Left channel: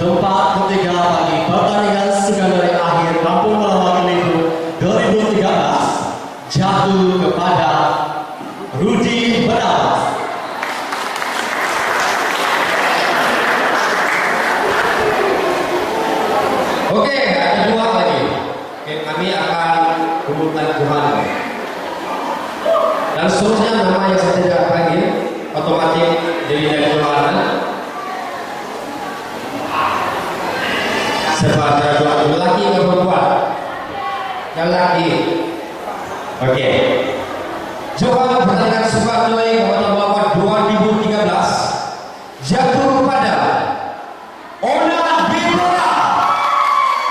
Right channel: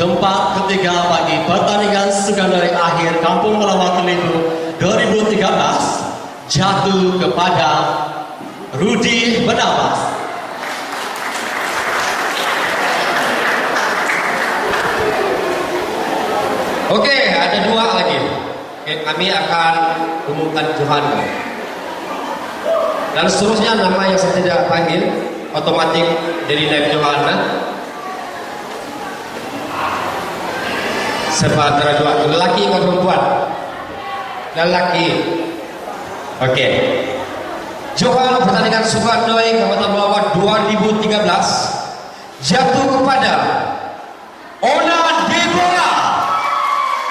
Tempat ketiga bagi pertandingan sekandari akhir Kampung Melawa Kelibu 2013 jatuh kepada Rudi Benabas. Oke, ada dua lagi. Oke, kami akan umumkan Tuhan. Dan seterusnya nama yang saya tidak panggil otomatis dari Nabi Johanna. Sebab antara dua lelaki atau perempuan? Lelaki. Oke. Johan pertandingan Sukarnoi Kabupaten Bawah 2013 jatuh kepada Ona Deborah.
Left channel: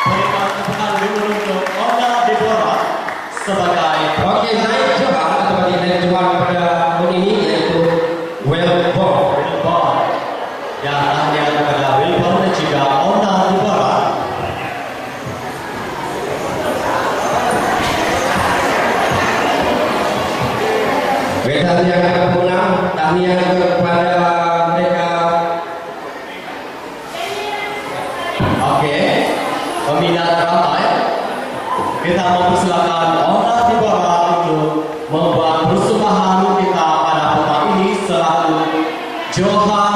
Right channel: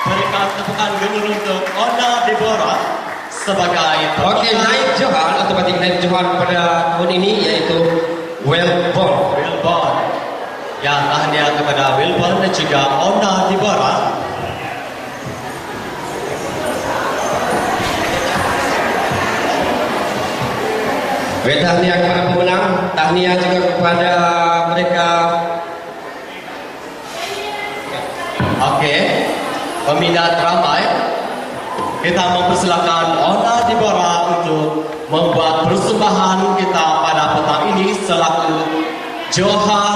Berikan tepukan dulu untuk Ona Deborah sebagai Oke, naik Johan otomatis naik Johan pada tahun ini yaitu Wilborn. Wilborn. Ya, tahniah kepada Wilborn dan juga Ona Deborah. Tahniah kepada pemenang, tahniah juga kepada mereka. Oke, peminat ramai, kita mempersilakan Ona Deborah untuk membuat persembahan kita pada petang ini selaku Johan